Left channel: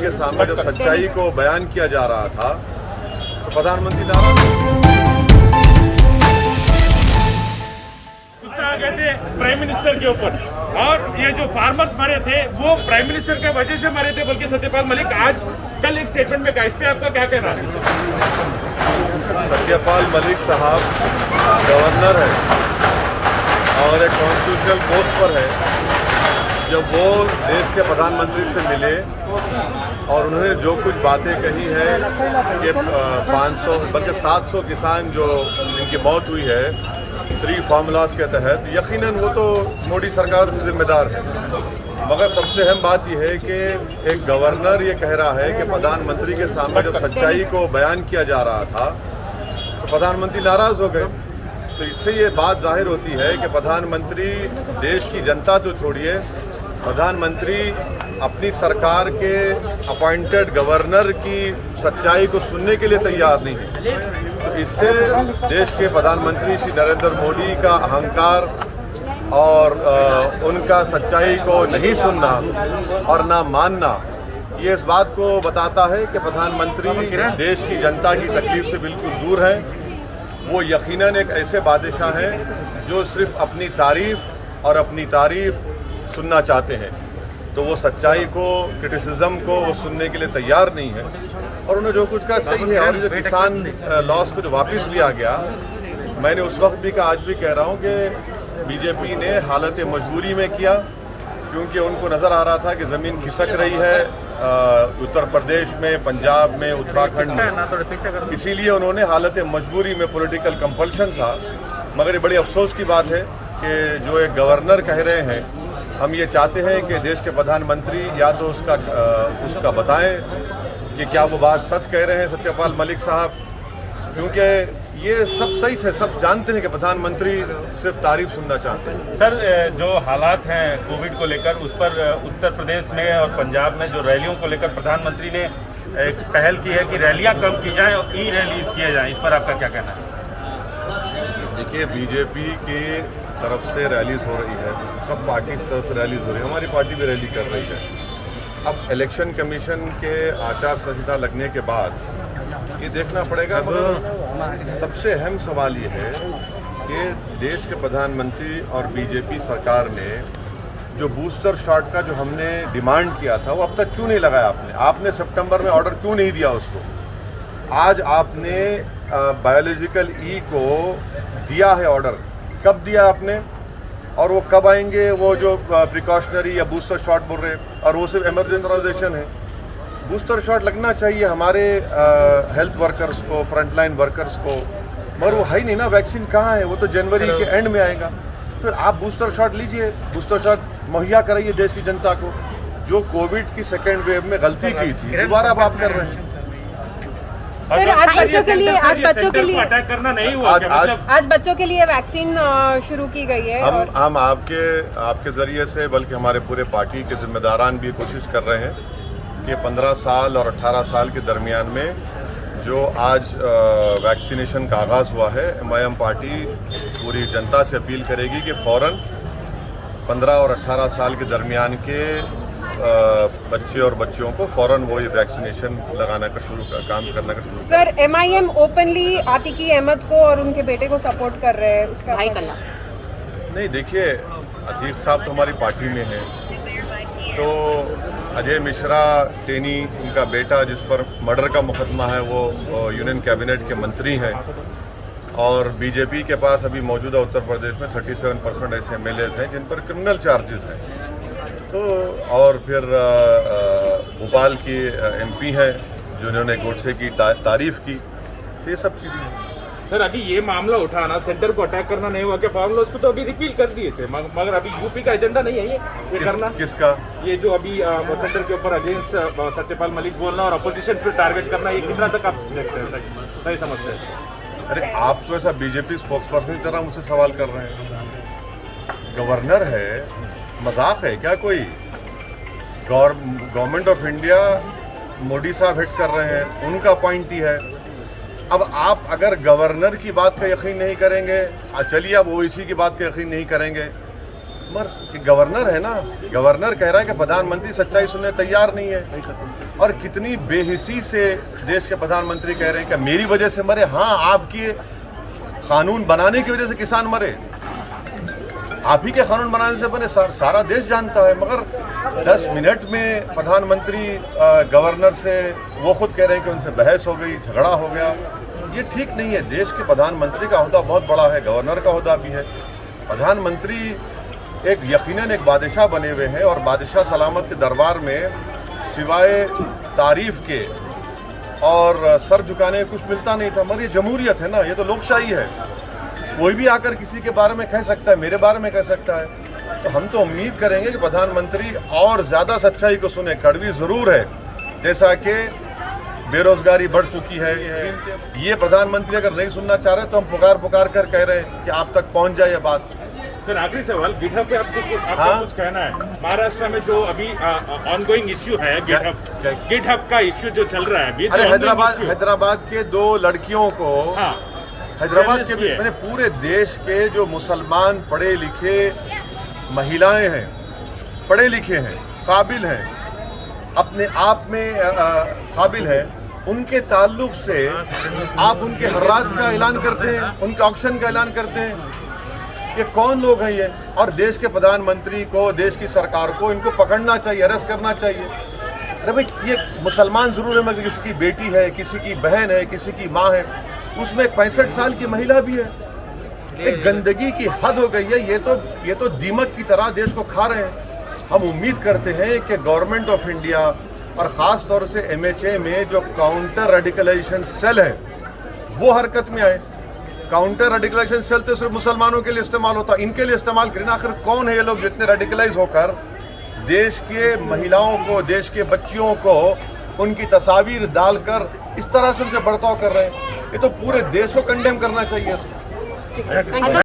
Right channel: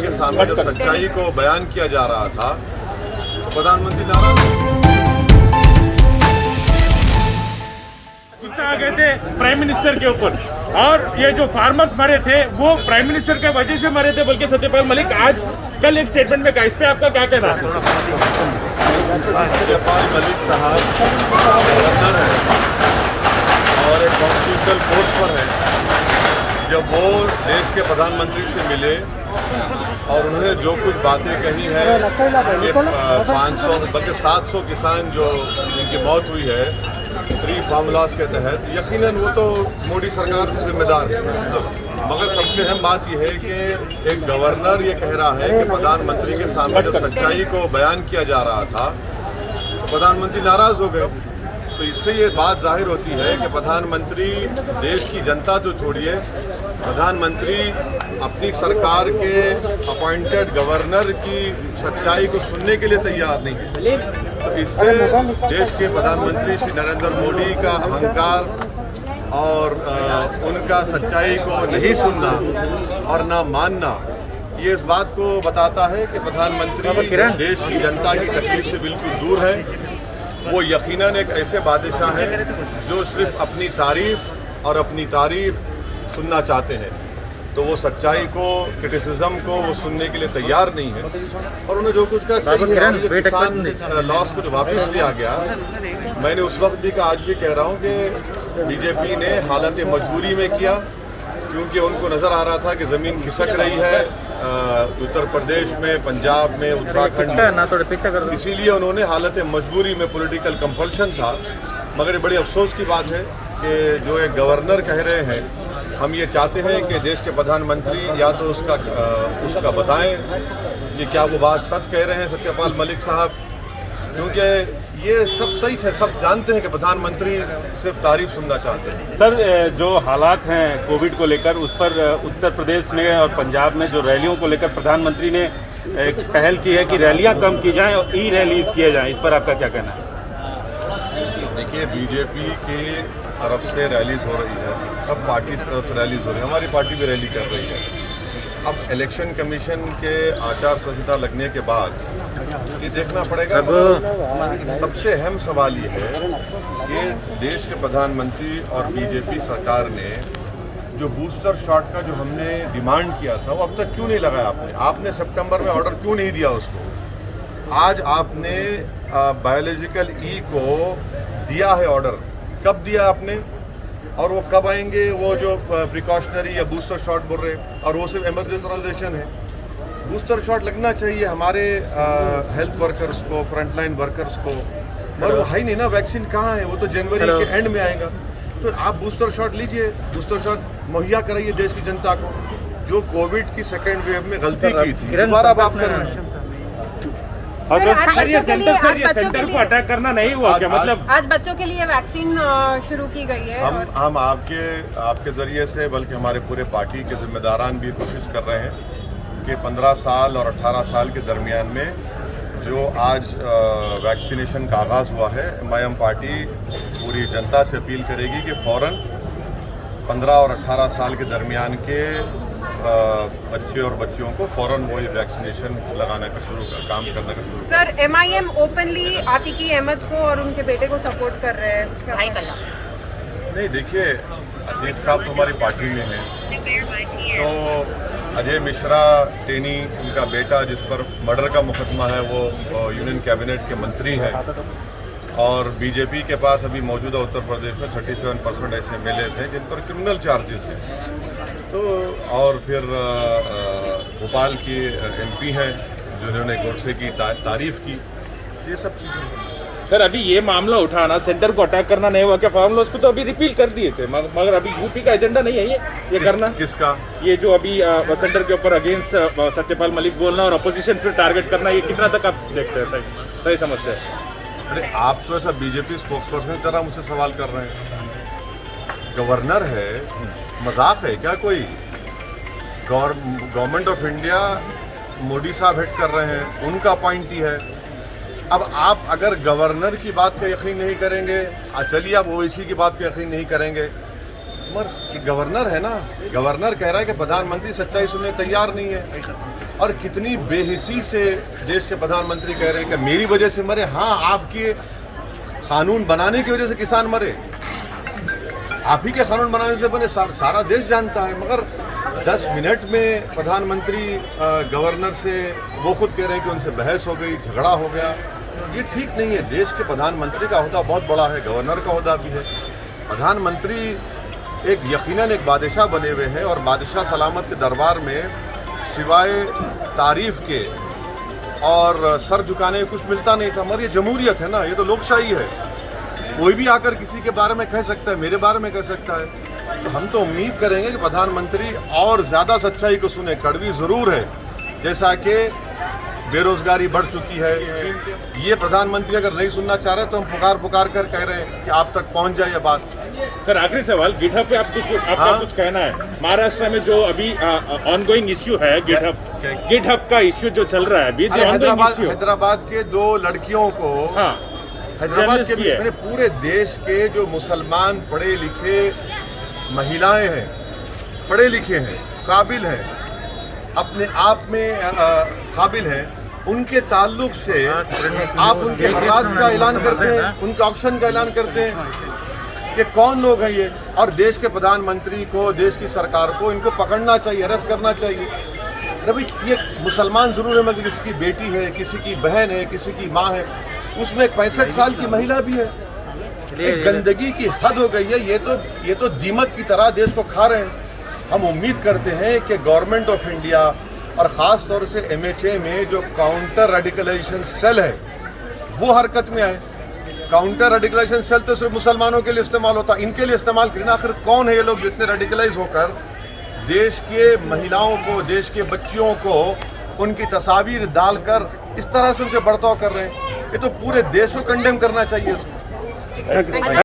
के सामने जब सच्चाई को बयान किया जा रहा था तो प्रधानमंत्री नाराज आ गए थे प्राइम मिनिस्टर के ऊपर, और ये जो फार्मर्स मरे थे वो प्राइम मिनिस्टर के वजह से मरे थे बल्कि सत्यपाल मलिक आज कल एक स्टेटमेंट में कहा। इस पे आपका क्या कहना है? सत्यपाल मलिक साहब गवर्नर है और एक कॉन्स्टिट्यूशनल पोस्ट पर है। जब वो देश के प्रधानमंत्री से मिले और उन्होंने जो कुछ बातें कही है कि 500 बल्कि 700 किसान जो जिनकी मौत हुई है 3 फार्मूलाज के तहत, यकीनन वो तो मोदी सरकार की जिम्मेदार है। मगर सबसे अहम बात यह है कि एक गवर्नर ये कह रहा है कि प्रधानमंत्री के सामने जब सच्चाई को बयान किया जा रहा था तो प्रधानमंत्री नाराज हो गए। तो इससे ये बात जाहिर होती है कि प्रधानमंत्री देश की जनता तो छोड़िए, प्रधानमंत्री अपनी सरकार के अपॉइंटेड गवर्नर की सच्चाई को सुनने के लिए तैयार नहीं है। तो इससे देश के प्रधानमंत्री श्री नरेंद्र मोदी का अहंकार और उनका सच्चाई को नहीं सुनना और ना मानना, ये इस बात को बताता है कि प्रधानमंत्री देश की जनता की तकलीफ से बिल्कुल दूर है। वो यकीनन एक ऐसे बादशाह हैं जो सिर्फ अपनी तारीफ सुनना चाहते हैं। तो वो सच्चाई को, क्रिटिसिज्म को वो सुनने के लिए तैयार नहीं है और उन्हें जो कुछ कहा सही है। और ये जो किसान लॉस को जो वापस लिया गया, मैंने उस वक्त भी कहा, आज भी कह रहा हूँ कि बीजेपी ने हालत मजबूरी में किया, क्योंकि उनको नज़र आ रहा था कि ज़मीन खिसक रही है उत्तर प्रदेश में, पंजाब में, उत्तराखंड में, इसीलिए उन्होंने हालत मजबूरी में, पॉलिटिकल कंपल्शन था। मगर ये बड़ी अफसोस की बात है कि जो एक गवर्नर कह रहे हैं, हम ये चाहते हैं कि देश के प्रधानमंत्री या तो उसका बताएं कि क्या वो बात सच कह रहे हैं सत्यपाल मलिक साहब, क्योंकि ये सब सही है, सब जानते हैं कि प्रधानमंत्री सिर्फ तारीफ सुनना चाहते हैं। सर, जो हालात हैं कोविड को लेकर, उस पर उत्तर प्रदेश में और पंजाब में जो रैलियों को लेकर प्रधानमंत्री ने एक पहल की है कि रैलियां कम की जाएं और ई-रैलीज किए जाएं, इस पर आपका क्या कहना है? देखिए, बीजेपी की तरफ से रैलीज हो रही है, सब पार्टी की तरफ से रैलीज हो रही है, हमारी पार्टी भी रैली कर रही है। अब इलेक्शन कमीशन के आचार संहिता लगने के बाद ये देखना पड़ेगा, मगर सबसे अहम सवाल ये है कि देश के प्रधानमंत्री और बीजेपी सरकार ने जो बूस्टर शॉट का जो हमने डिमांड किया था वो अब तक क्यों नहीं लगाया? आपने सितंबर में ऑर्डर क्यों नहीं दिया उसको? आज आपने बायोलॉजिकल ई को दिया है ऑर्डर, कब दिया आपने? और वो कब आएंगे वो जो प्रिकॉशनरी या बूस्टर शॉट बोल रहे, और वो सिर्फ इमरजेंसी है। बूस्टर शॉट लगना चाहिए हमारे हेल्थ वर्कर्स को, फ्रंटलाइन वर्कर्स को, मगर वो है ही नहीं ना। वैक्सीन कहाँ है? वो तो जनवरी के एंड में आएगा। तो आप बूस्टर शॉट लीजिए, बूस्टर शॉट मुहैया कराइए देश की जनता को। जो कोविड की सेकेंड वेव में गलती की थी, दोबारा अब आप कर रहे हैं। सर, आज बच्चों के लिए अटैक करना नहीं हुआ क्या? मतलब आज बच्चों के लिए वैक्सीन शुरू की गई है। हम आपके जरिए से, बल्कि हमारे पूरे पार्टी के जिम्मेदारान भी कोशिश कर रहे हैं कि 15 साल और 18 साल के दरमियान में जो आज वैक्सीनेशन का आगाज़ हुआ है, MIM पार्टी पूरी जनता से अपील करेगी कि फ़ौरन 15 और 18 साल के दरमियान के बच्चे और बच्चियों को फ़ौरन वो ये वैक्सीनेशन लगाना का काम करने का शुरू। सर, MIM ओपनली आतिकी अहमद को और उनके बेटे को सपोर्ट कर रहे हैं, उसका नहीं, देखिए, अतीक साहब तो हमारी पार्टी में हैं, तो अजय मिश्रा टेनी, उनका बेटा जिस पर मर्डर का मुकदमा है, वो यूनियन कैबिनेट के मंत्री हैं, और बीजेपी के पास अभी मौजूदा उत्तर प्रदेश में 37% ऐसे MLAs हैं जिन पर क्रिमिनल चार्जेस हैं। तो और फिर भोपाल की MP हैं जिन्होंने गोडसे की तारीफ की। ये सब चीज़ें हैं। सर, अभी ये मामला उठाना, सेंटर को अटैक करना नहीं हुआ क्या? फार्मूला उसको तो अभी रिपील कर दिए थे, मगर अभी यूपी का एजेंडा नहीं है ये करना। किसका? ये जो अभी सेंटर के ऊपर अगेंस्ट सत्यपाल मलिक बोलना और अपोजिशन फिर टारगेट करना, ये कितना तक आप देखते हैं? सही समझते हैं? अरे, आप तो ऐसा बीजेपी स्पोक्सपर्सन की तरह मुझसे सवाल कर रहे हैं। गवर्नर है, मजाक है क्या कोई? गवर्नमेंट ऑफ इंडिया मोदी साहब हेड कर रहे हैं, उनका अपॉइंटी है। अब आप अगर गवर्नर की बात का यकीन नहीं करेंगे, चलिए आप ओवैसी की बात का यकीन नहीं करेंगे, मगर गवर्नर है ना, गवर्नर कह रहा है कि प्रधानमंत्री सच्चाई सुनने तैयार नहीं है। और कितनी बेहिसी से देश के प्रधानमंत्री कह रहे हैं कि मेरी वजह से मरे। हाँ, आपके कानून बनाने की वजह से किसान मरे, आप ही के कानून बनाने से बने, सारा देश जानता है। मगर 10 मिनट में प्रधानमंत्री गवर्नर से वो खुद कह रहे हैं कि उनसे बहस हो गई, झगड़ा हो गया। ये ठीक नहीं है। देश के प्रधानमंत्री का ओहदा बहुत बड़ा है, गवर्नर का ओहदा भी है। प्रधानमंत्री एक यकीनन एक बादशाह बने हुए हैं और बादशाह सलामत के दरबार में सिवाय तारीफ के और सर झुकाने में कुछ मिलता नहीं था। मगर ये जमहूरियत है ना, ये तो लोकशाही है। कोई भी आकर किसी के बारे में कह सकता है, मेरे बारे में कह सकता है। तो हम तो उम्मीद करेंगे कि प्रधानमंत्री और ज़्यादा सच्चाई को सुने। कड़वी ज़रूर है, जैसा कि बेरोजगारी बढ़ चुकी है। ये प्रधानमंत्री अगर नहीं सुनना चाह रहे तो हम पुकार कर कह रहे हैं कि आप तक पहुंच जाए ये बात। सर आखिरी सवाल, गिटहब पे आपका कुछ कहना है? महाराष्ट्र में जो अभी ऑनगोइंग इश्यू है गिटहब का इश्यू जो चल रहा है अभी, अरे हैदराबाद के 2 लड़कियों को, हाँ, हैदराबाद के भी मैंने पूरे देश के जो मुसलमान पढ़े लिखे महिलाएं हैं, पढ़े लिखे हैं, काबिल हैं, अपने आप में काबिल हैं, उनके ताल्लुक से आप उनके हर्राज का ऐलान करते हैं, उनके ऑक्शन का ऐलान करते हैं। ये कौन लोग हैं ये? और देश के प्रधानमंत्री को, देश की सरकार को इनको पकड़ना चाहिए, अरेस्ट करना चाहिए। अरे भाई, ये मुसलमान जरूर है मगर किसी की बेटी है, किसी की बहन है, किसी की माँ है, उसमें एक 65 साल की महिला भी है। एक गंदगी की हद हो गई है। ये तो दीमक की तरह देश को खा रहे हैं। हम उम्मीद करते हैं कि गवर्नमेंट ऑफ इंडिया और ख़ास तौर से MHA में जो काउंटर रेडिकलाइजेशन सेल है वो हरकत में आए। काउंटर रेडिकलाइजेशन सेल तो सिर्फ मुसलमानों के लिए इस्तेमाल होता, इनके लिए इस्तेमाल करें ना। आखिर कौन है ये लोग जितने रेडिकलाइज होकर देश के महिलाओं को, देश के बच्चियों को उनकी तस्वीर डालकर इस तरह से उनसे बर्ताव कर रहे हैं? ये तो पूरे देश को कंडेम करना चाहिए इसको।